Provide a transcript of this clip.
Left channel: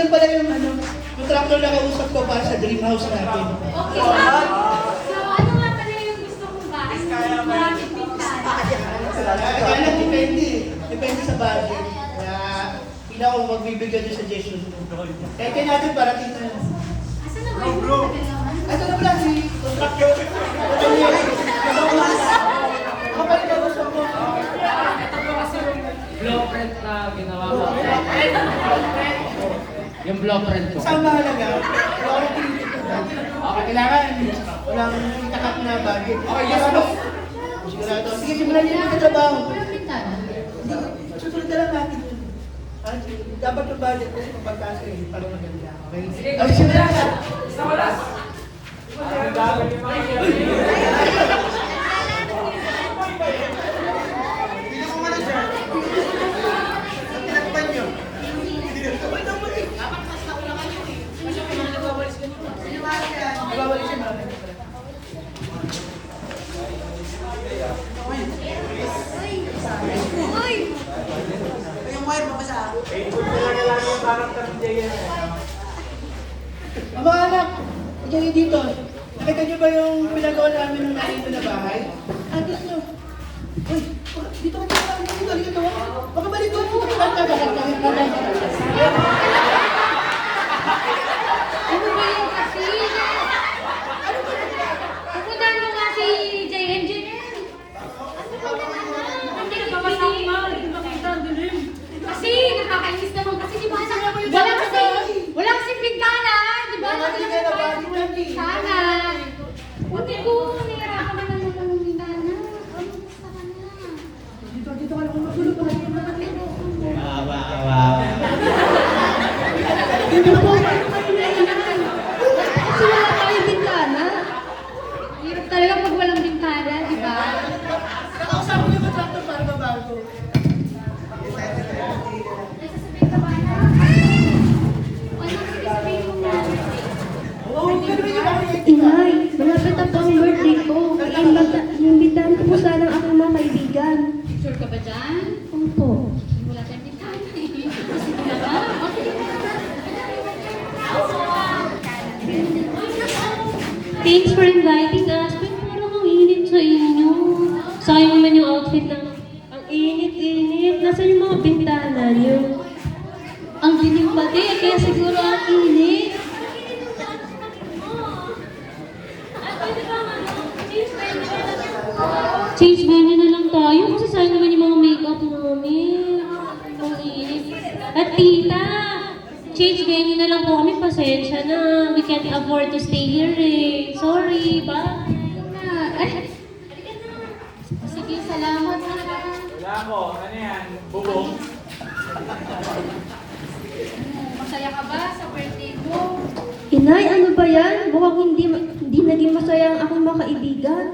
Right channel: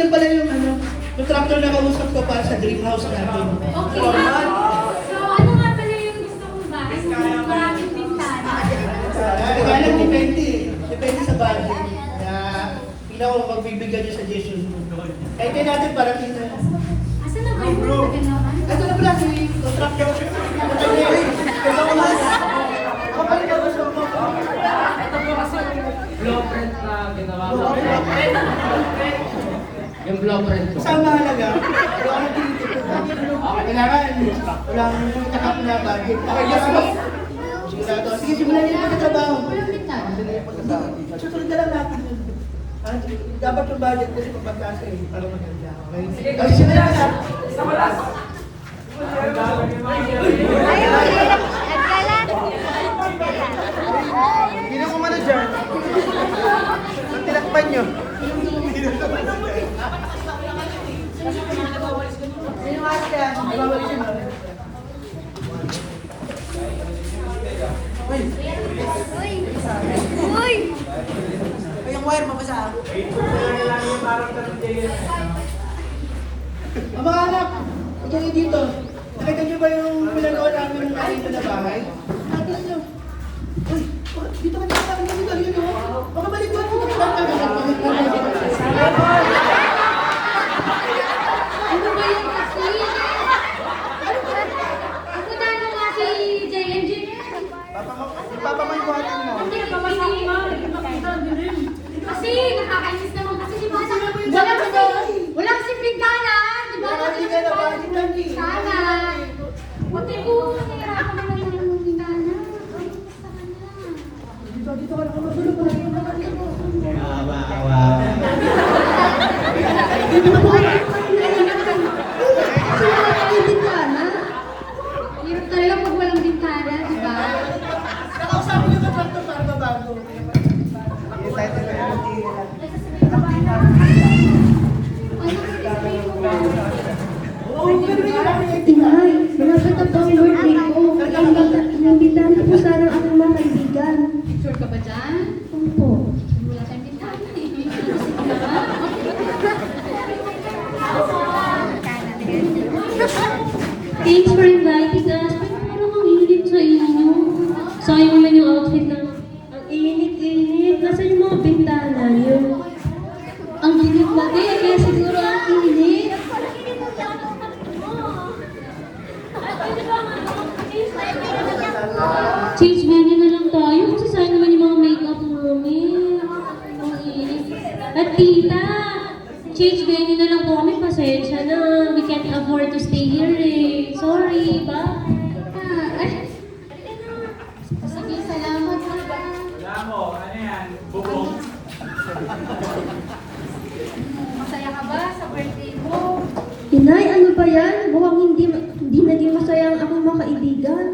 Yan pala yung tractor na kausap ko para sa dream house natin. Okay. So, ano nga pala yung gusto kong bahay? Maraming pintana. Kaya lang depende sa budget. Kaya ikaw magbibigay ng suggestion mo. Kaya kaya natin parating na. Asan na ba yung tagal naman? Ito na pala si tractor. Ito na. Ako pa rin gusto mo. Ito po kasi yung blueprint na ginawa ko. Yung blueprint ko. Sa mahalaga, wala ka magtitipid na. Okay, kailangan walang takap na budget. Okay, yes, no? Sigurado. Sige, simulan niyo yung pagkatrabaho. Walang pintana. Susunod na lang natin yun. Dapat yung budget kasi mapagkasa eh, para maganda. Okay? Sige, Okay, simulan na. Sa walas. Bili ko muna dyan. Tinakpan nyo. Ay, bawalis yun. Mga anak, kayo dito. Nakita niyo ba yung pinagawa namin ng narito na bahay? Atin niyo. Uy, dito ka dito. Dito, dito. Baka balik doon. Ano ba yung kasi? Ano ba? Pupunta mo nga si Jay Engineer. Hindi na babasa ko nga. Hindi makita din rin. Kasi nakakainis naman kasi di ba wala kasi pintana. Di ba? Hindi ka na balitan eh. Sana. Hindi ko nahirapan naman naman ng pintana. Basta ka na. Dito ka lang magulo pa. Kasi wala tayong bintana. Hirap talaga pag walang bintana, di ba? Nakausapin niyo ba tractor para mabago? Nagsasabihin ka ba na? Ano sasabihin mo na? Oo, pero yung bakit Inay, malapit na po ang birthday ko. Inimbitahan ko po sana ang aking mga kaibigan. Sure ka ba dyan? Opo. Wala tayong bintana eh. Kasi di ba? Thanks for inviting us. Pero parang ang init sa inyo. Sayang naman yung outfit lang. Ang init-init. Nasaan yung mga bintana niyo? Ang dilim ba din? Kaya siguro ang init. Change venue na lang tayo. Kasi sayang naman yung mga makeup namin. Ang init. At tita, change venue na lang po kami. Pasensya na. We can't afford to stay here eh. Sorry, bye. Ay! Sige, salamat. Wala mo, ano yan? Bubong. Masaya ka ba sa birthday mo? Inay, ano ba yan? Mukhang hindi naging masaya ang aking mga kaibigan.